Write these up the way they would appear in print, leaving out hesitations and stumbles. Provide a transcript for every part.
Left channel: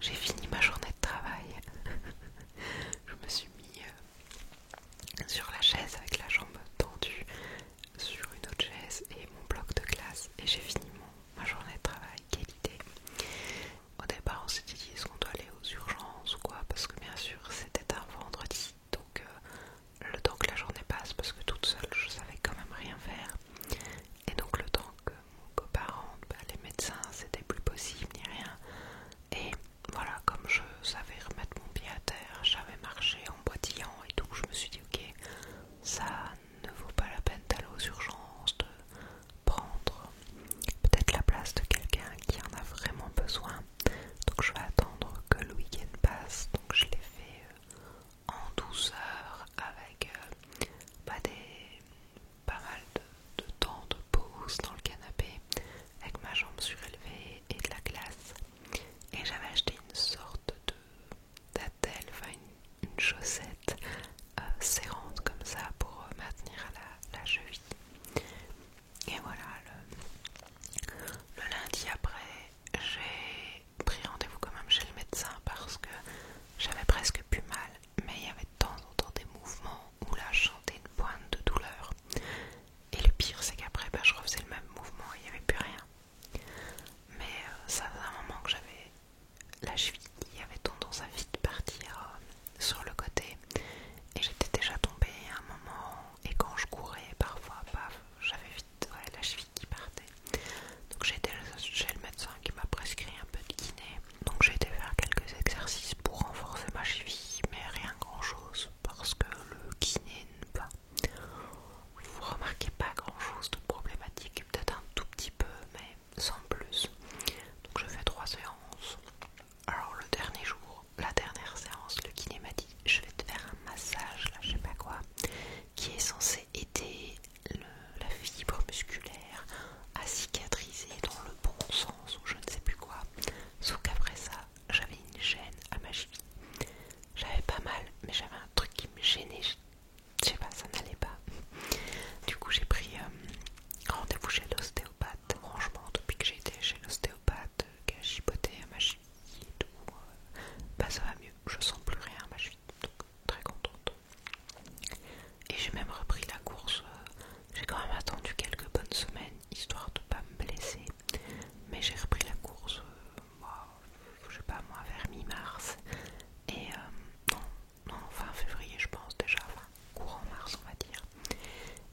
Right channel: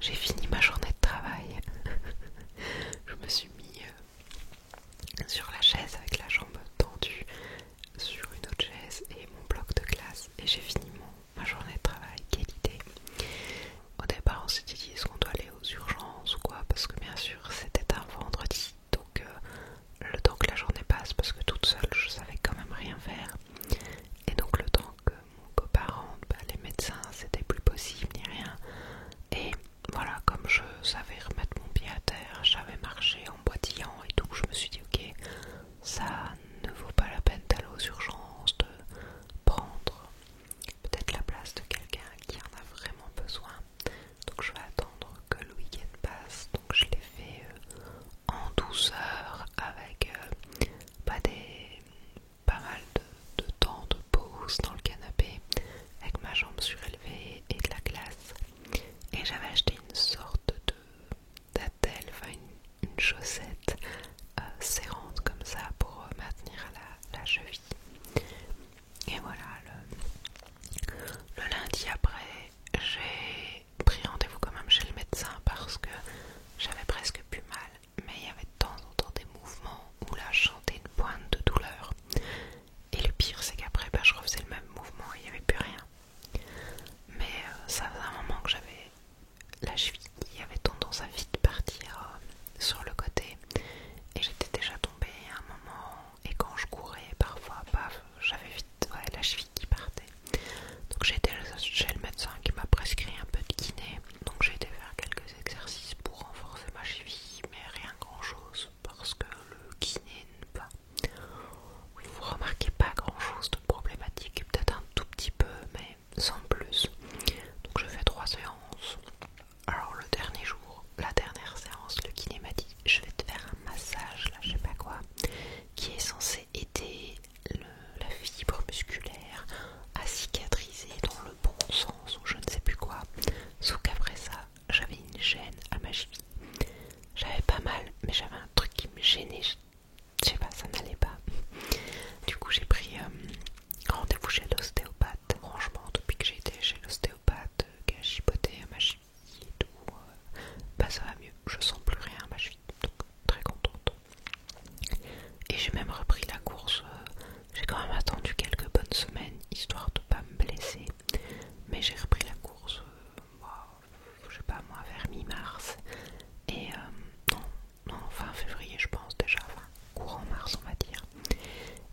j'ai fini ma journée de travail. Je me suis mis sur la chaise avec la jambe tendue sur une autre chaise et mon bloc de classe et j'ai fini ma journée de travail. Quelle idée! Au départ on s'était dit est-ce qu'on doit aller aux urgences ou quoi, parce que bien sûr c'était un vendredi, donc le temps que la journée passe, parce que toute seule je savais quand même rien faire, et donc le temps que mon copain rentre, les médecins c'était plus possible ni rien, et voilà, comme je savais remettre mon pied à terre, j'avais marché en boitillant et tout, je me suis dit ok, ça ne vaut pas la peine d'aller aux urgences, de prendre peut-être la place de quelqu'un qui en a vraiment besoin, donc je vais attendre que le week-end passe. Donc je l'ai fait en douceur avec pas mal de temps de pause dans le canapé avec ma jambe surélevée et de la glace, et j'avais acheté une sorte de d'attelle, enfin une chaussette serrante comme ça pour maintenir la cheville. Et voilà, le lundi après, j'ai pris rendez-vous quand même chez le médecin parce que j'avais presque plus mal, mais il y avait de temps en temps des mouvements où là je sentais une pointe de douleur. Et le pire c'est qu'après je refaisais le même mouvement et il n'y avait plus rien. Mais ça faisait un moment que j'avais la cheville qui avait tendance à vite partir sur le côté, et j'étais déjà tombée à un moment, et quand je courais parfois, paf, j'avais vite la cheville qui partait. Donc j'ai été chez le médecin qui m'a prescrit un peu de kiné, donc j'ai été faire quelques exercices pour renforcer ma cheville, mais rien grand chose parce que le kiné, bah, vous remarquez pas grand chose de problématique, peut-être un tout petit peu mais sans plus. Donc je fais 3 séances. Alors le dernier jour, la dernière séance, le kiné m'a dit je vais te faire un massage, là je sais pas quoi, qui est censé aider la fibre musculaire à cicatriser dans le bon sens ou je ne sais plus quoi. Sauf qu'après ça, j'avais une gêne à ma cheville. J'avais pas mal, mais j'avais un truc qui me gênait. Je sais pas, ça n'allait pas. Du coup, j'ai pris rendez-vous chez l'ostéopathe. Franchement, depuis que j'ai été chez l'ostéopathe, qui a chipoté à ma cheville et tout, bah ça va mieux. Je sens plus rien à ma cheville, donc très contente. Et j'ai même repris la course. J'ai quand même attendu quelques bonnes semaines histoire de pas me blesser, mais j'ai repris la course, je sais pas moi, vers mi-mars. Et non, fin février je pense déjà, enfin courant mars on va dire.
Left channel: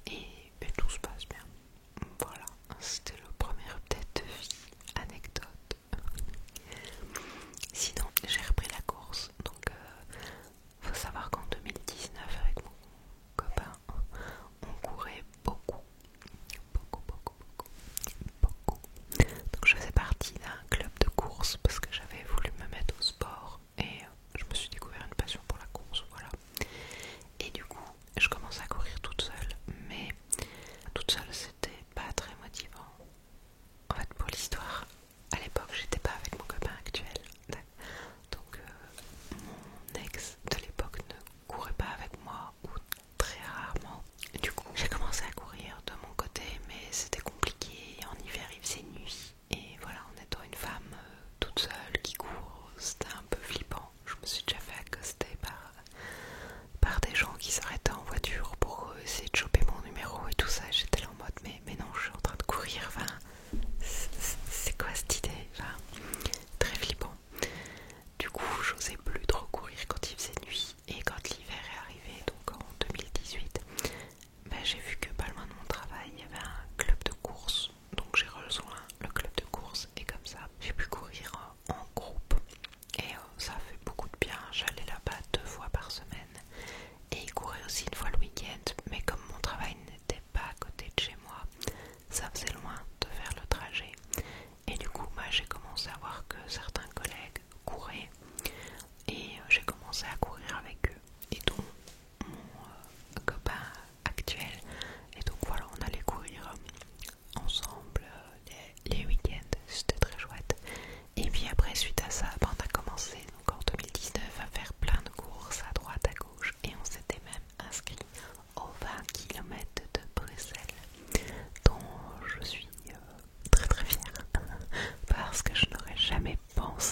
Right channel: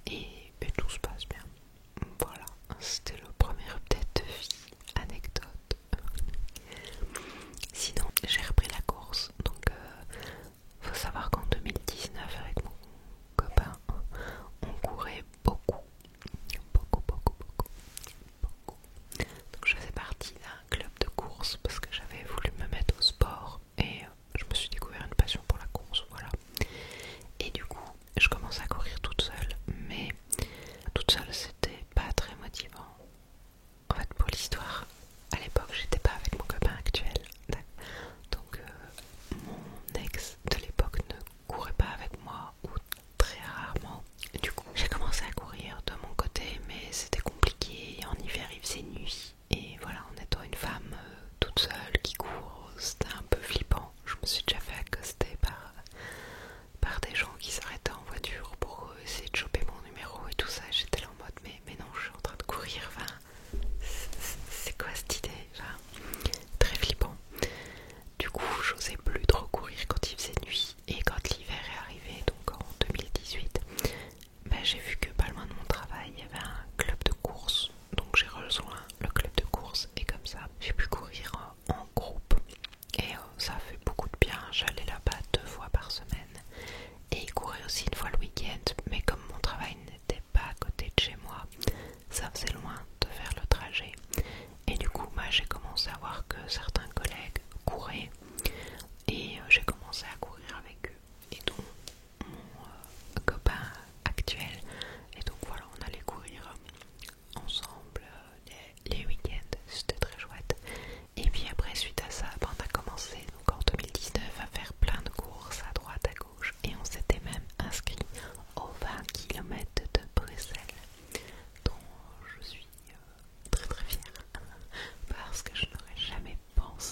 Et tout se passe bien. Voilà, c'était le premier update de vie, anecdote. Sinon, j'ai repris la course, donc faut savoir qu'en 2019 avec mon copain, on courait beaucoup. Donc je faisais partie d'un club de course parce que j'avais voulu me mettre au sport et je me suis découvert une passion pour la course, voilà. Et du coup, je commençais à courir toute seule, mais toute seule c'était pas très motivant. En fait, pour l'histoire, à l'époque j'étais pas avec mon copain actuel, donc mon ex de l'époque ne courait pas avec moi ou très rarement. Du coup, j'ai commencé à courir de mon côté, mais c'était compliqué. En hiver, il faisait nuit. Et voilà, en étant une femme toute seule qui court, c'était un peu flippant. Je me suis déjà fait accoster par des gens qui s'arrêtaient en voiture pour essayer de choper mon numéro et tout ça. J'étais là en mode, mais non, je suis en train de courir. Enfin, c'est quoi cette idée? Enfin, très flippant. Du coup, j'osais plus trop courir quand il faisait nuit. Et quand l'hiver est arrivé, donc en 2018, j'ai vu que pas loin de mon travail, il y avait un club de course. Donc j'ai rejoint le club de course et comme ça, j'ai pu courir en groupe. Et ça a fait beaucoup de bien. J'allais là-bas 2 fois par semaine et courir aussi une fois le week-end. Mais comme mon travail n'était pas à côté de chez moi, ça faisait loin de faire le trajet. Et du coup, j'ai commencé à voir que certains collègues couraient et j'ai commencé à courir avec eux. Et donc mon copain actuel, et donc voilà, on allait courir ensemble les week-ends, c'était très chouette. Et puis après, suite à ça, on a commencé donc en 2019 à faire plein de courses à droite, à gauche, et on s'était même inscrit aux 20 km de Bruxelles, dont je suis très très fière parce que je n'aurais jamais pensé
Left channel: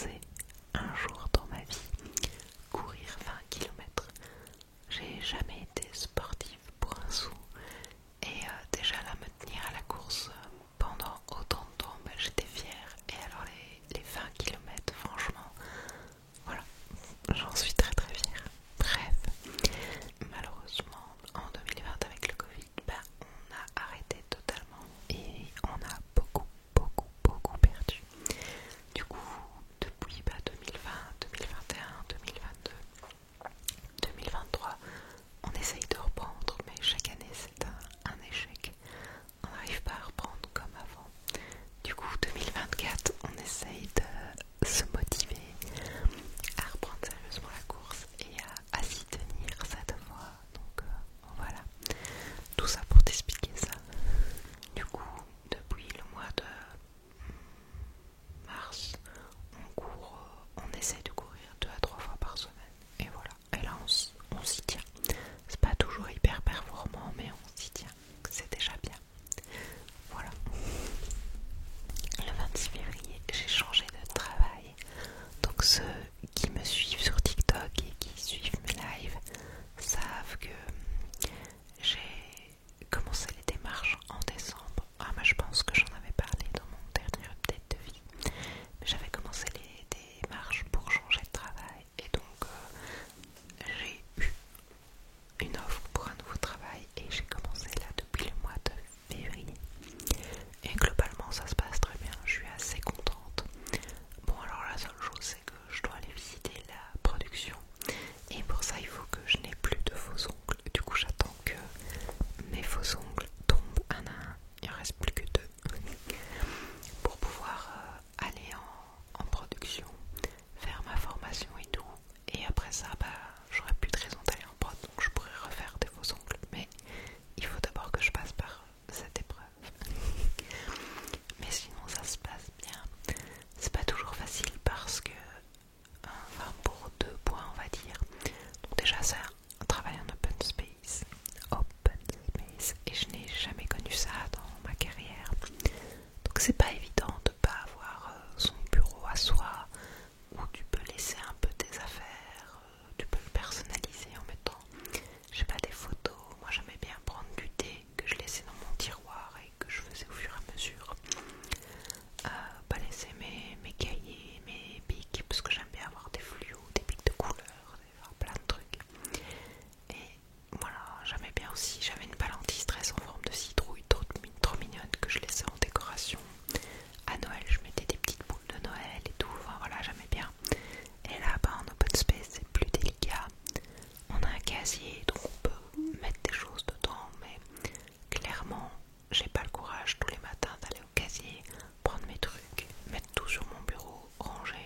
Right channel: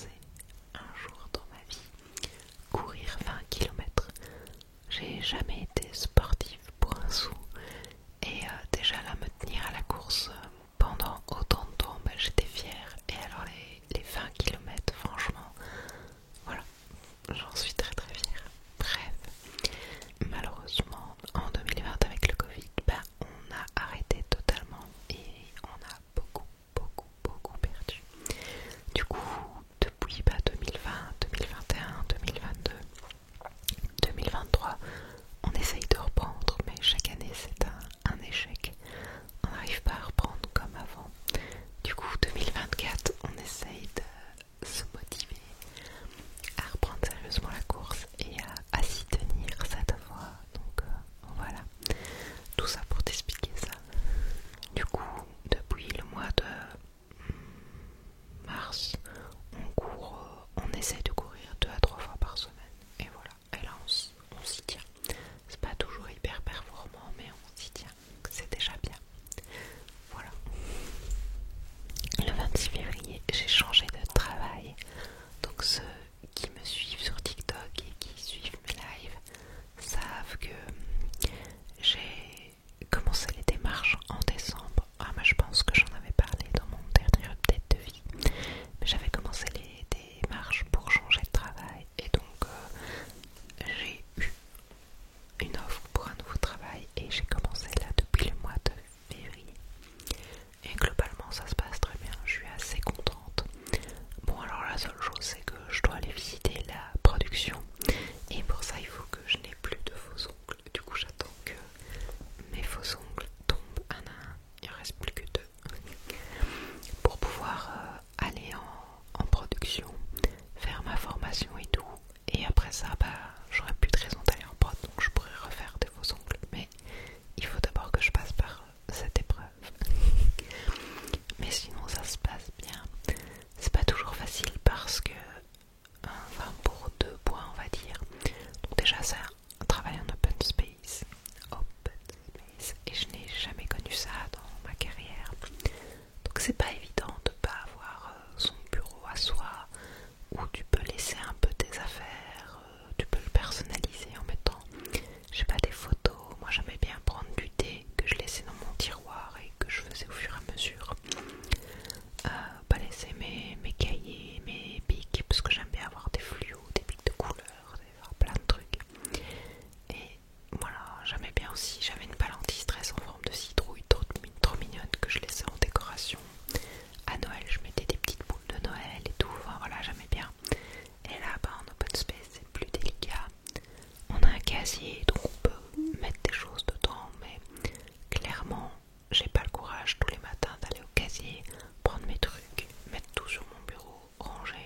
parce que j'aime bien avoir des fluos, des pics de couleurs, plein de trucs. Et voilà, j'aimais bien aussi, j'avais une balle anti-stress en forme de citrouille trop mignonne que je laissais en décoration. À Noël, je mettais des petites boules de Noël et tout, enfin voilà, j'aimais bien. Et là, en open space, c'est plus délicat. On a un casier, donc on peut mettre des choses dedans, mais clairement, j'ai pas le courage tous les matins d'aller au casier, prendre mes trucs, mettre tout sur mon bureau, ranger.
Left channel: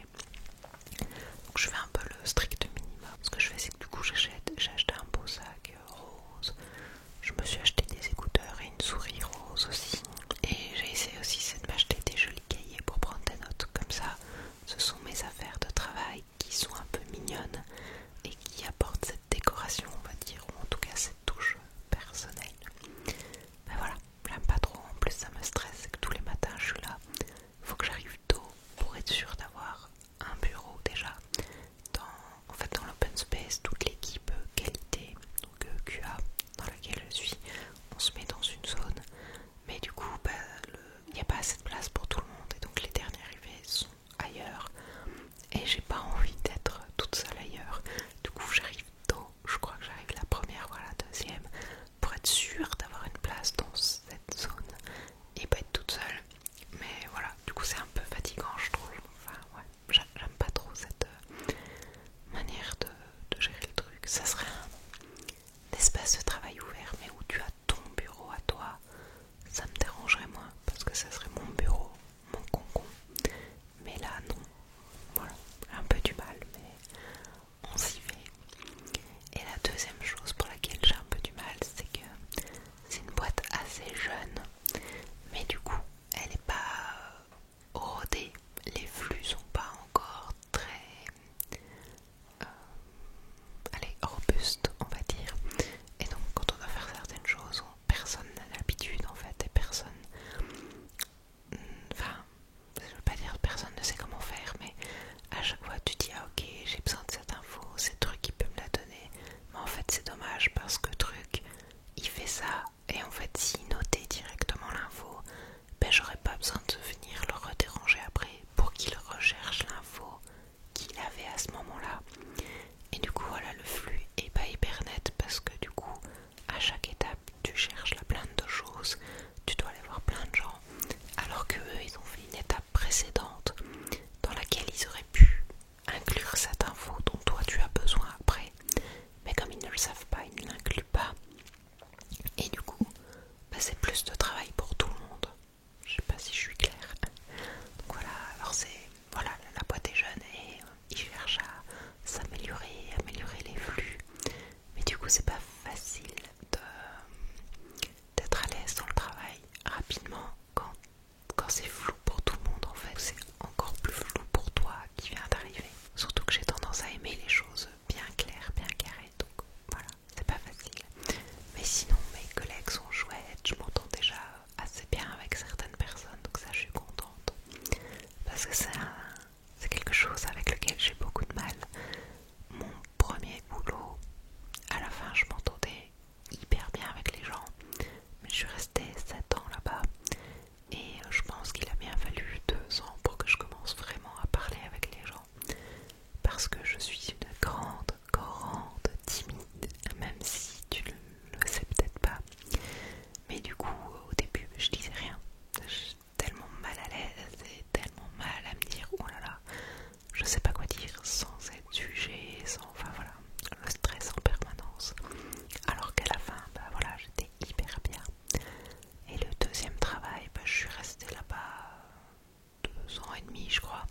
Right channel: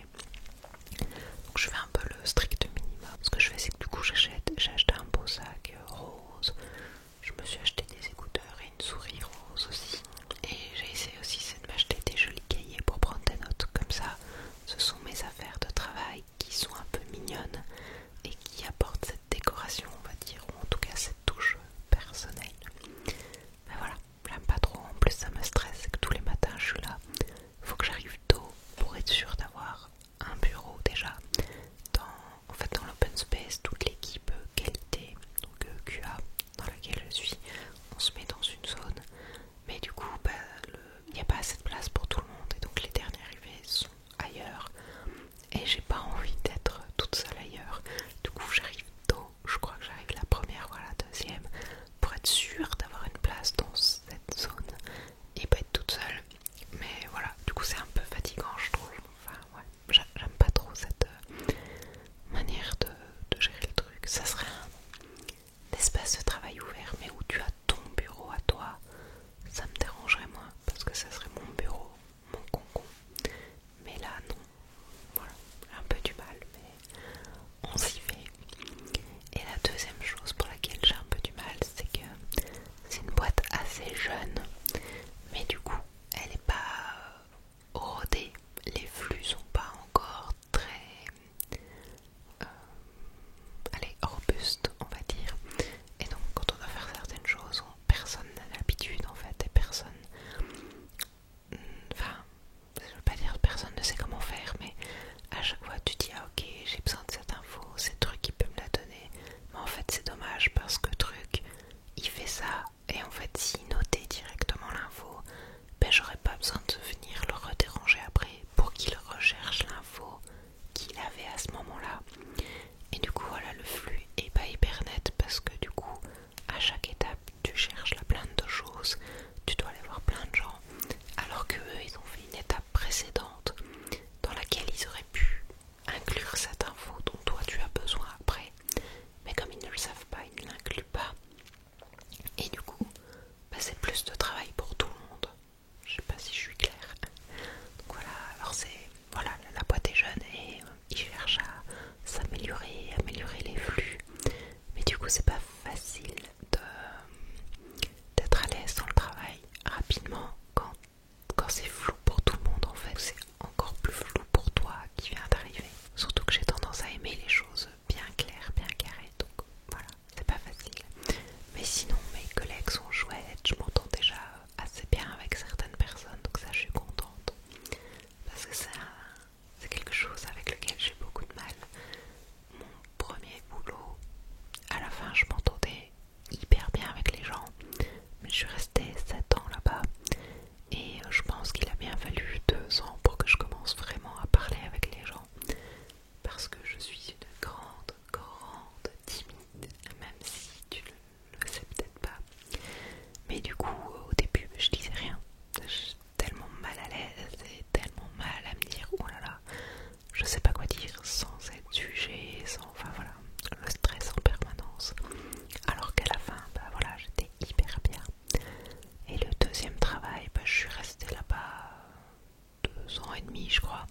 Donc je fais un peu le strict minimum. Ce que je fais, c'est que du coup, j'ai acheté un beau sac rose. Je me suis acheté des écouteurs et une souris rose aussi. Et j'ai essayé aussi de m'acheter des jolis cahiers pour prendre des notes. Comme ça, ce sont mes affaires de travail qui sont un peu mignonnes et qui apportent cette décoration, on va dire, ou en tout cas cette touche personnelle. Mais voilà, j'aime pas trop. En plus, ça me stresse, c'est que tous les matins, je suis là. Faut que j'arrive tôt pour être sûre d'avoir un bureau déjà. Dans l'open space, toute l'équipe qualité, donc QA, dans laquelle je suis, on se met dans une zone. Mais du coup, il n'y a pas assez de place pour tout le monde. Et donc les derniers arrivés sont ailleurs. Et j'ai pas envie d'être toute seule ailleurs. Du coup, j'arrive tôt. Je crois que j'arrive la première, voilà, la deuxième, pour être sûre d'avoir une place dans cette zone et pas être toute seule. Mais voilà, du coup, c'est un peu fatigant, je trouve. Enfin, ouais, j'aime pas trop cette manière de gérer le truc. Ça serait un espace de travail ouvert, mais où tu as ton bureau à toi. Ça me dérangerait moins parce que ça serait mon bureau, mon concon. Mais là, non. Voilà, un peu du mal, mais on s'y fait. Et la deuxième chose pour laquelle j'ai un peu du mal, c'est que c'est une boîte assez jeune, mais du coup, elle n'est pas rodée. Les flux sont pas encore très robustes, on va dire. Et donc, quand on doit faire certaines choses, personne n'a l'habitude en fait, et personne. Enfin, je veux pas dire personne ne sait comment faire, mais à chaque fois tu dis ah ok j'ai besoin de cette info, c'est truc qui peut me la donner. Mais en fait c'est dommage parce que truc il fait ça et en fait s'il notait directement l'info, ben j'aurais pas besoin de venir le redéranger après pour qu'il recherche l'info qu'il avait à ce moment-là. Et du coup voilà, le flux est pas hyper net parce que du coup à chaque étape tu cherches la plainte de choses, tu dois aller voir plein de gens, alors que eux ils ont fait une étape précédente dans laquelle ils auraient pu inclure cette info dont toi tu as besoin après, mais comme ils ne le savent pas, ils ne l'incluent pas, et du coup c'est plus de travail pour tout le monde. Je sais pas si je suis claire. Donc voilà, alors voilà, la boîte est jeune et ils cherchent à s'améliorer, améliorer les flux, mais du coup c'est pas facile d'être à l'aise dans le travail rapidement quand c'est flou pour tout le monde. En fait c'est encore plus flou pour toi qui viens d'arriver, surtout que j'ai tendance à aimer les choses bien claires, bien carrées, donc voilà, c'est pas facile. Mais sinon mes collègues sont chouettes, je m'entends déjà assez bien avec certaines personnes, donc ça je suis contente parce que c'est quelque chose avec lequel j'ai beaucoup de mal. Mon premier boulot, à la fin je m'entendais hyper bien avec les gens, mais je suis restée 7 ans là-bas et je pense qu'il a bien fallu 2 ans pour que je commence vraiment à parler avec les gens, parce que je suis une grande timide, même si tu le sais peut-être pas. Mais du coup au début je disais rien, j'étais tellement mal à l'aise et tellement mal à me dire oh là là, je sais pas quoi dire sans être jugée, enfin voilà, le stress en permanence. Alors qu'à la fin, voilà, j'étais hyper bien. Et le deuxième travail, je suis restée là-bas 2 ans et demi, je crois.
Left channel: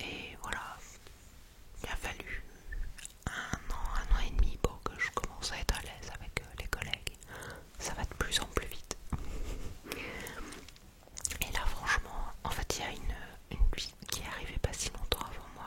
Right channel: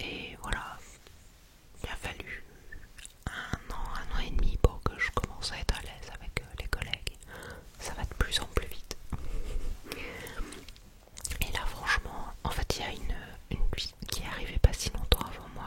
Et voilà, il a fallu un an et demi pour que je commence à être à l'aise avec les collègues. Ça va de plus en plus vite. Et là, franchement, en fait, il y a une fille qui est arrivée pas si longtemps avant moi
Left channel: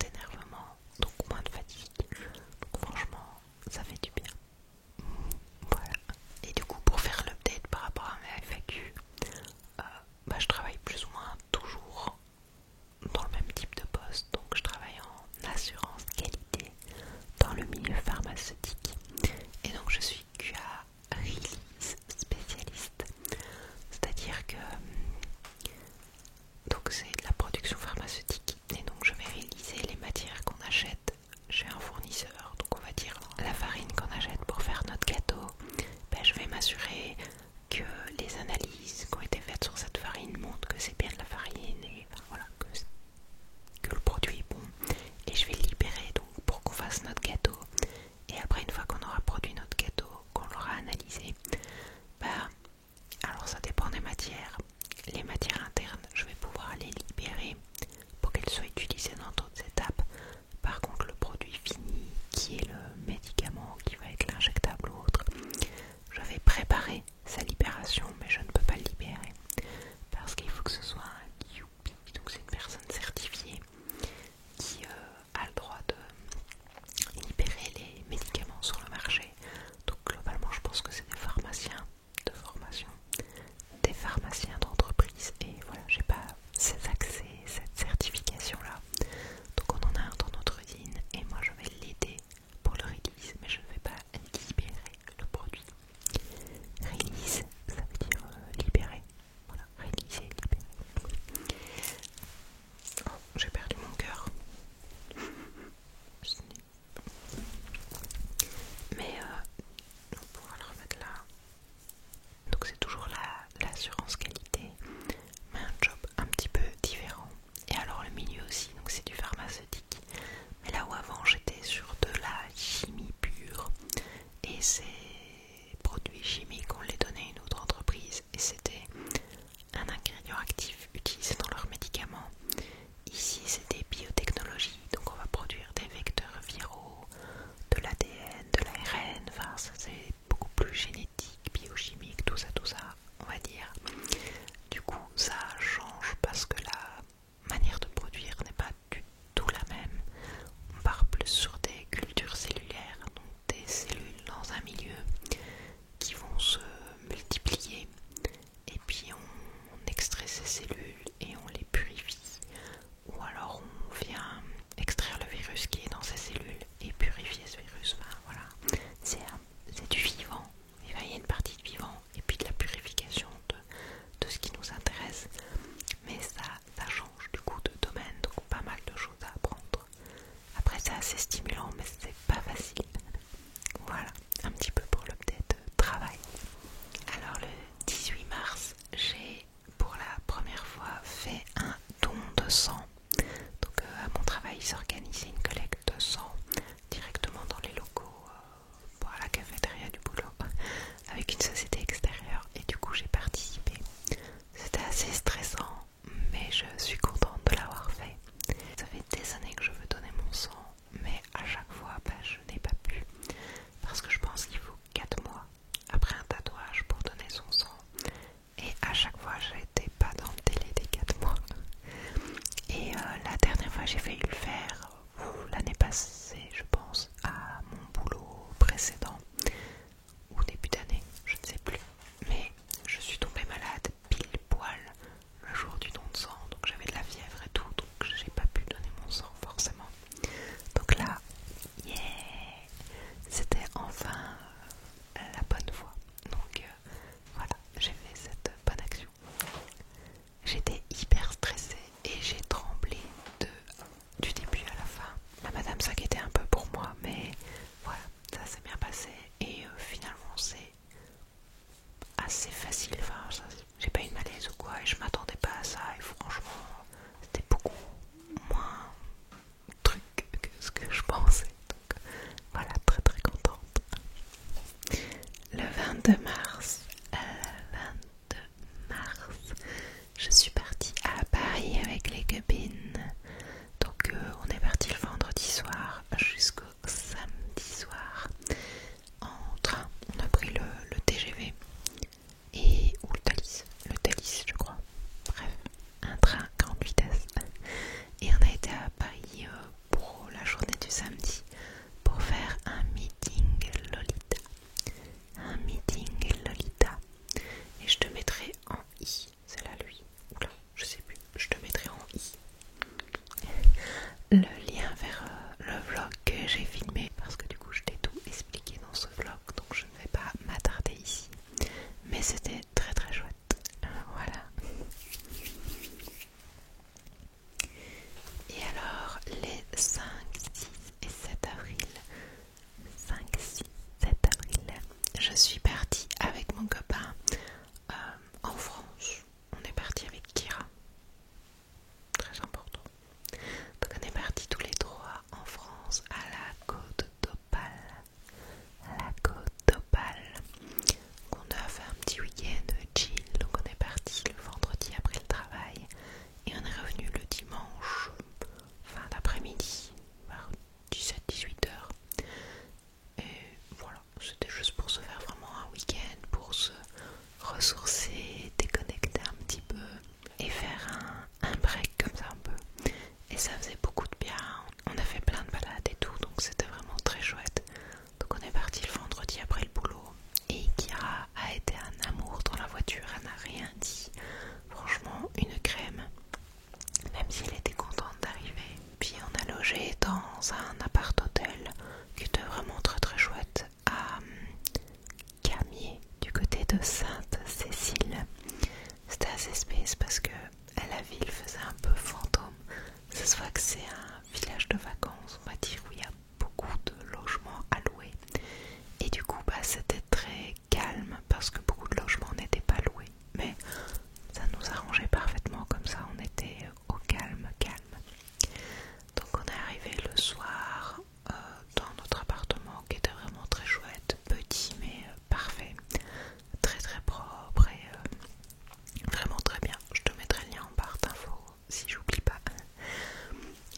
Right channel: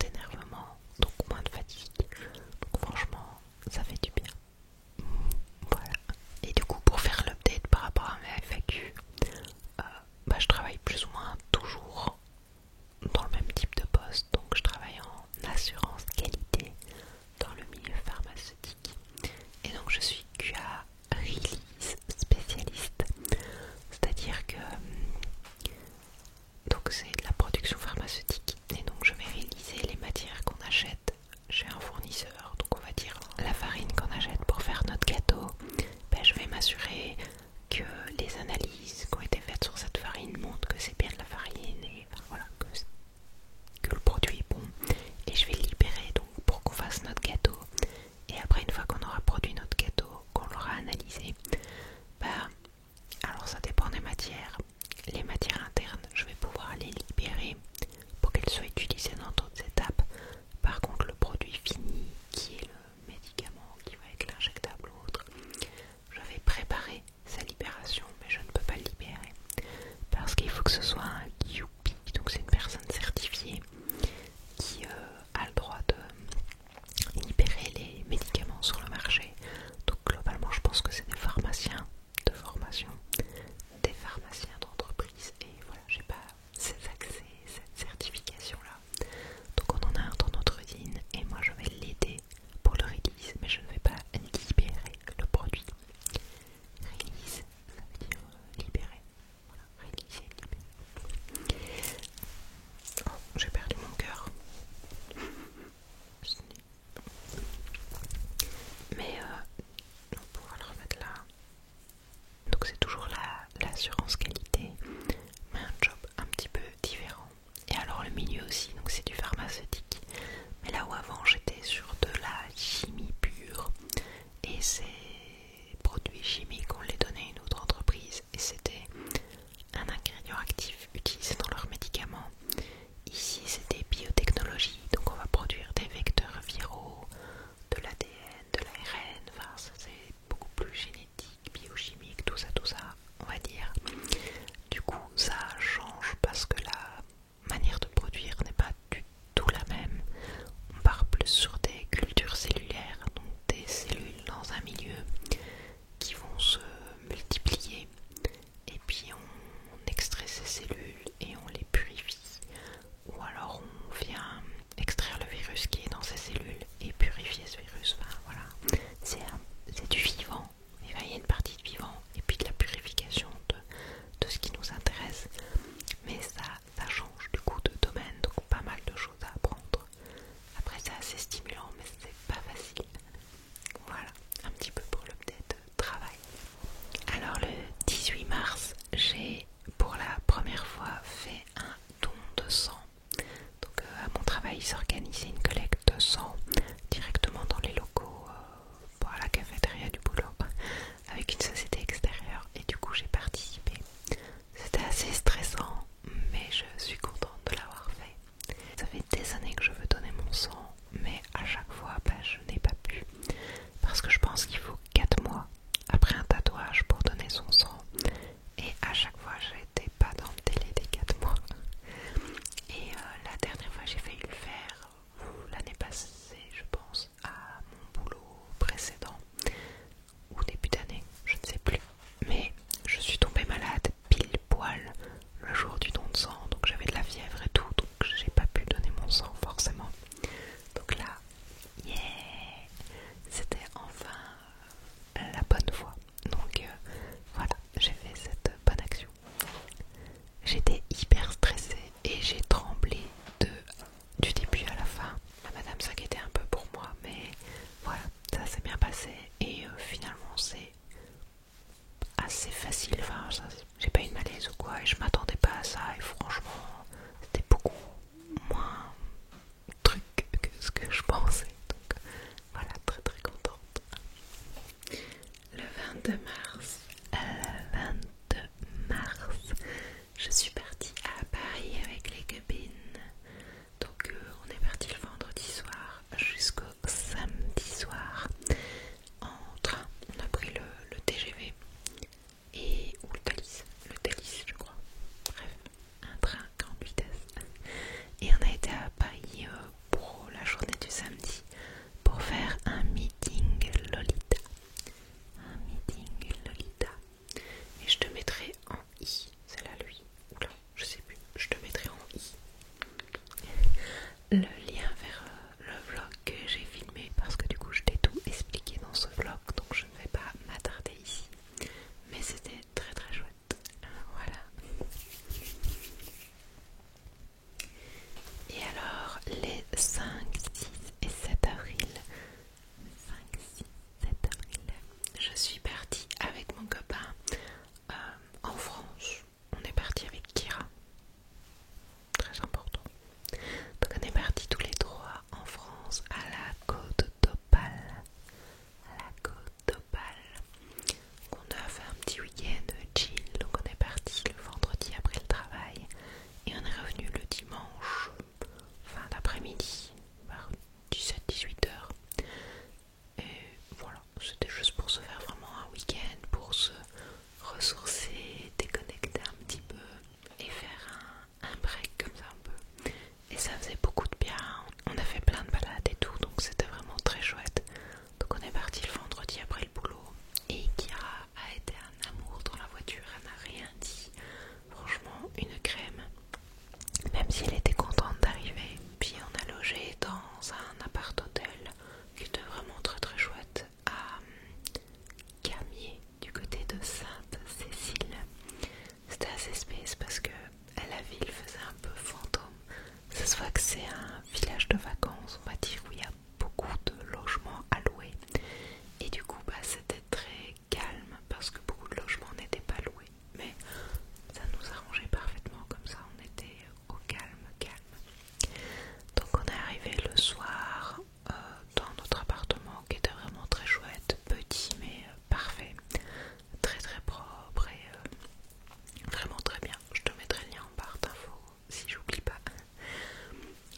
d'énervement, donc moins de fatigue. Donc franchement, ça fait du bien. Voilà. Et du coup, pour faire l'update par rapport à mes FAQ, je travaille plus ou moins toujours dans le même type de poste. Donc je travaille en assurance qualité dans le milieu pharmaceutique. Et donc je suis QA Release spécialiste. C'est-à-dire que donc c'est de la production pharmaceutique. Et donc je vais réaliser les matières qu'on achète chez un fournisseur. Donc on va dire la farine qu'on achète pour faire notre gâteau. Je vais m'assurer que les analyses qui ont été faites sur cette farine montrent que c'est bien de la farine et enfin, voilà, que le produit est bon. Et je vais le libérer donc pour qu'on fasse notre gâteau. Et après, une fois qu'on aura produit notre gâteau, qu'on l'aura analysé, alors ça dépend des matières. Les matières internes, je vais pouvoir les libérer pour qu'elles soient utilisées dans d'autres étapes. Par contre, le produit fini, qui est le médicament, qui va être l'injectable ou autre, je vais préparer sa libération, mais je ne peux pas le libérer parce qu'il faut que ce soit un QP, donc c'est une personne certifiée qui a le droit de libérer les médicaments sur le marché. Donc globalement, je pense que c'est des pharmaciens de formation, des pharmaciens d'entreprise, et voilà, j'ai pas ces accès, cette certification là. Donc on en a un dans notre usine et moi je vais l'aider pour le release, mais je ne vais pas libérer le produit. Release, ça veut dire libérer. Voilà, réaliser, libérer. Oh, j'ai perdu mon cœur. Mais on pourra le remettre là. Donc c'est toujours l'assurance qualité, mais un job un petit peu différent. Et alors le milieu aussi, donc c'est du pharmaceutique. Mais là où avant j'étais sur de la chimie pure, et ces produits chimiques on les donnait à une autre entreprise et c'était un ingrédient actif utilisé dans leurs médicaments. Ici c'est des biotechnologies, donc on va produire des vecteurs viraux, de l'ADN, de l'ARN, enfin ça c'est beaucoup plus génétique, biochimique, tout ça, on va dire. Du coup ça change parce que la manière de produire n'est pas du tout la même. On part plus sur des cultures cellulaires, donc des cellules dans un milieu qui vont se multiplier, et puis on extrait ces cellules et on les purifie, ou alors on vient extraire le virus qui est dans ces cellules et purifier ce virus. Enfin voilà, c'est du vivant. Il y a une partie de vivant et puis de la purification de ce qui nous intéresse, mais ça change du coup de domaine, donc pas mal de choses à apprendre. Après c'est assez stimulant, mais c'est pas facile. Voilà, un petit peu pour l'update travail. Alors le 18 mars, j'ai pour la première fois fait un don de sang. Donc à mon travail, il s'organisait une collecte de sang directement dans les locaux, à la cafétéria du boulot, avec une société extérieure, et du coup j'ai participé. C'était assez stressant, mais je suis contente de l'avoir fait. Ça fait des années que je veux donner mon sang, mais à chaque fois je n'ai pas pu, parce que je pense qu'il faut 4 mois après un tatouage pour donner son sang, et à chaque fois j'étais pas dans le délai des 4 mois. Et la dernière fois j'ai failli le faire l'année passée, je pense, à mon boulot précédent, ou début d'année, je ne sais plus, mais je suis tombée malade pile poil le jour du don de sang, donc j'avais de la fièvre et tout, donc j'ai pas pu donner mon sang forcément. Donc là, yeah, c'était enfin la bonne voie. Donc voilà, j'ai fait cette bonne action. J'étais hyper stressée et j'ai tremblé du début à la fin. La madame s'inquiétait un peu pour moi, mais voilà, ça s'est bien passé et finalement c'est assez facile. Enfin, j'ai pas eu de malaise ou quoi, et je m'attendais pas à ça, et franchement c'était beaucoup moins truc que ce que je pensais. Donc voilà, très très contente. Le 22 mars, je suis partie à Paris avec les copines. Donc on est parti le vendredi soir jusqu'au samedi soir en train. On a pris le TGV ou le Thalys je crois. Bref, un train grande vitesse. Et on a été à Paris 5, 6 et 7 avril. 5, 6, 7 avril. Je suis partie avec mon copain en France. On est parti avec Kira. Très important. Donc on est partis tous les trois en France à la Côte d'Opale. À la Côte d'Opale. On a fait un petit week-end chill. Donc on est parti le vendredi après le travail et on est revenu le dimanche fin d'après-midi vers 17-18 heures. Et voilà, c'était juste pour se faire vraiment un week-end, pour se ressourcer, déconnecter un petit peu et faire un break comme ça un peu. Et ça faisait beaucoup de bien. On a fait plein de balades et tout, donc c'était vraiment très chouette. Donc on est parti le vendredi après le boulot et Kira a été un amour dans la voiture, elle n'a rien dit. Franchement, une crème. Même si elle était contente d'arriver. Puis on a logé dans un appart-hôtel qui était vraiment très très chouette à Camier, du côté de Sainte-Cécile. C'était assez space parce que la ville faisait un peu fantôme. Ça se voit que c'est un village de vacances, on va dire, où il y a beaucoup de logements à louer. Et du coup, c'était très calme parce que beaucoup de logements n'étaient pas loués. Mais ça nous arrangeait parfaitement comme ça, on était au calme. Donc on est arrivé le soir dans notre appartement qui était vraiment très chouette, petit mais parfait, très très propre et vraiment très bien. Je te mettrai le lien en barre d'infos si j'oublie pas.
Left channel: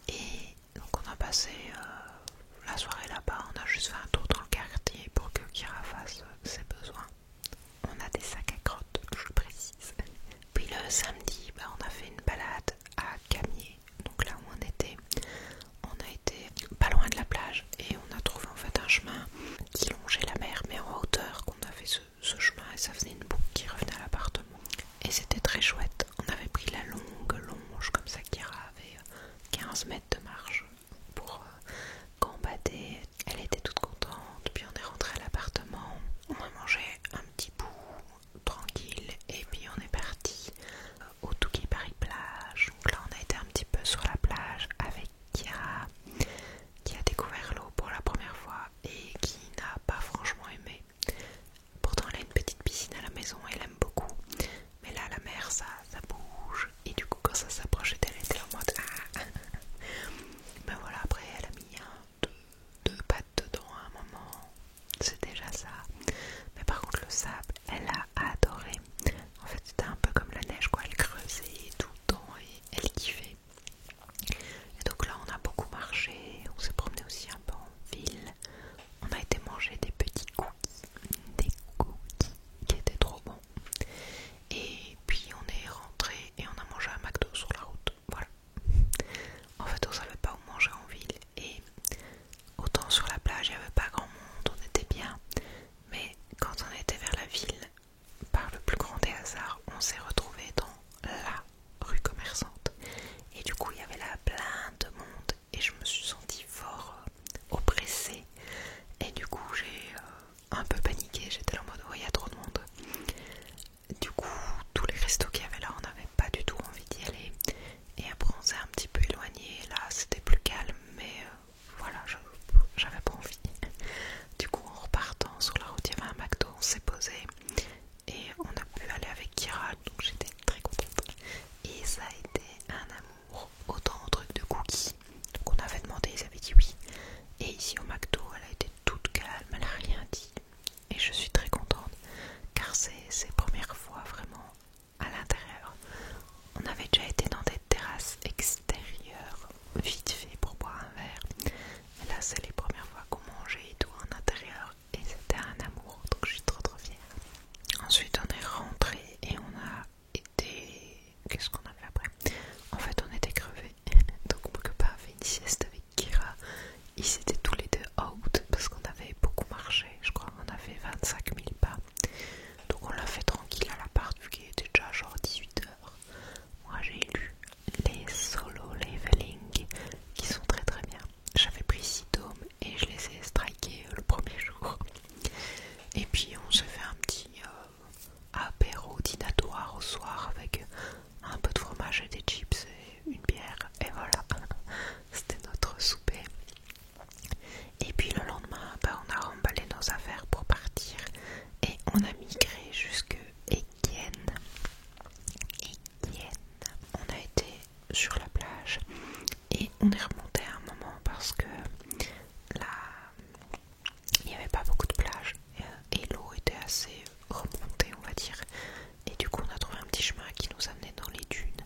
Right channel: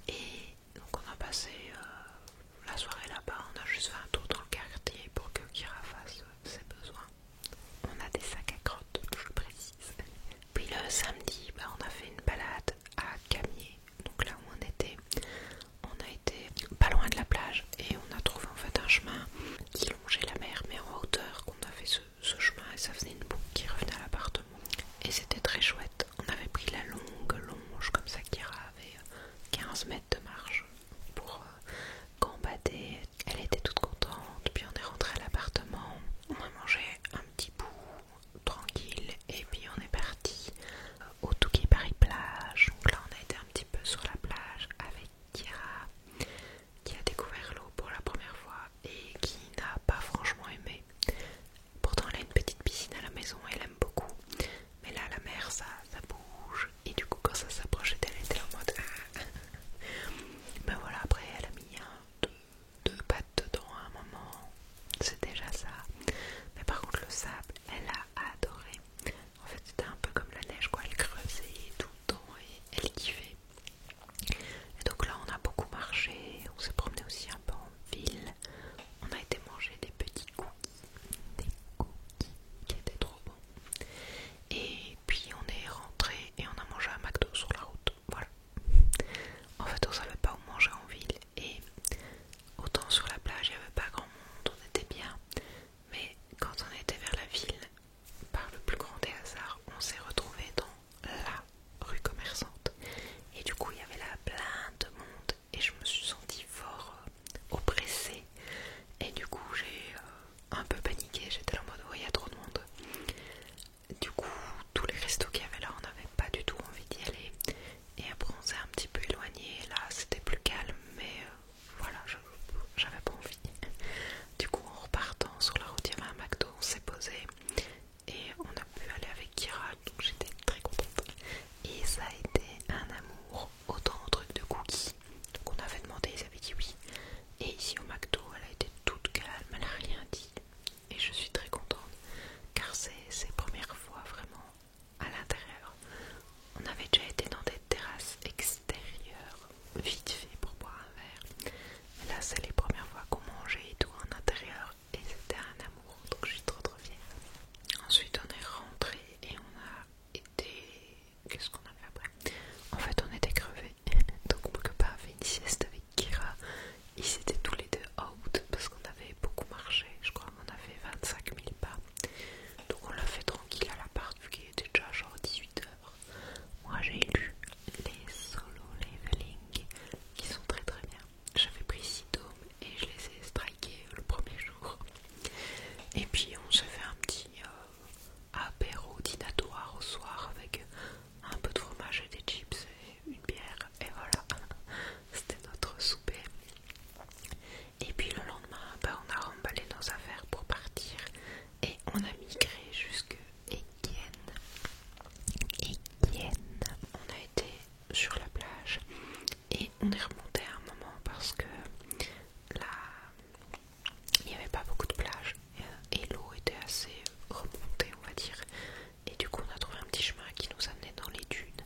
Et donc on a passé la soirée là-bas, on a juste fait un tour dans le quartier pour que Kira fasse ses besoins. On a des sacs à crottes, je précise. Puis le samedi, on a fait une balade à Camier, donc là où on était. On a été pas loin de la plage et on a trouvé en fait un chemin qui longeait la mer mais en hauteur, qu'on a fait ce chemin et ça faisait une boucle qui revenait à l'appartement. Et c'était très chouette. On avait pris la longue longe comme ça, Kira avait 15 mètres de marche pour combattre. Elle était toute contente. Puis on est rentré à l'appartement. On a mangé un petit bout tranquille et puis on est parti au Touquet Paris plage. Donc là on a été un petit peu sur la plage avec Kira qui a découvert l'eau pour la première fois et qui n'a pas franchement aimé. Pourtant elle a une petite piscine à la maison, elle aime beaucoup. Mais là la mer ça bouge et du coup quand ça s'approchait d'elle, elle était en mode ah. Mais voilà, après elle a mis deux pattes dedans à un moment, c'est déjà ça. Mais par contre le sable, elle a adoré. En fait c'était un peu comme la neige quoi, elle creusait tout le temps et elle kiffait. Et donc là on a beaucoup marché, on s'est promené aussi un peu en ville. On a été manger des petits cookies qui étaient trop bons. Et puis on est rentré et on a mangé un McDo sur la route, voilà. En fait on savait pas où manger en ville et autant sur la plage il n'y avait pas grand monde, on était bien. Mais quand on était vers la ville, par le plus grand des hasards, on s'est retrouvé dans la rue commerçante. Et du coup il y avait là plein de monde et je me suis sentie fort oppressée. Et du coup j'ai un peu paniqué, j'étais là en mode oh il y a trop de monde. Du coup tous les restos qu'il y avait là on n'avait pas du tout envie d'y aller. Et après on s'est un petit peu éloigné, là c'était sur la plage et on est remonté à un moment parce que là il n'y avait pas beaucoup de plages et l'eau était assez remontée, on va dire, et du coup on a trouvé un petit chemin qui nous amenait dans les dunes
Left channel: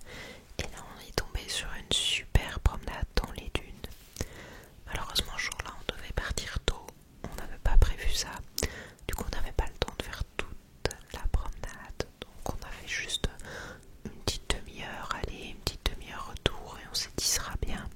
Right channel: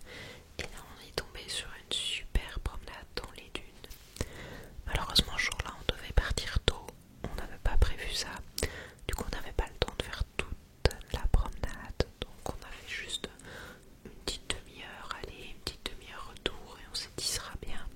et là on est tombé sur une super promenade dans les dunes. Malheureusement ce jour-là on devait partir tôt, on n'avait pas prévu ça, du coup on n'avait pas le temps de faire toute la promenade, donc on a fait juste une petite demi-heure aller, une petite demi-heure retour et on s'est dit ça sera bien.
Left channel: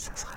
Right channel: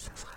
ça sera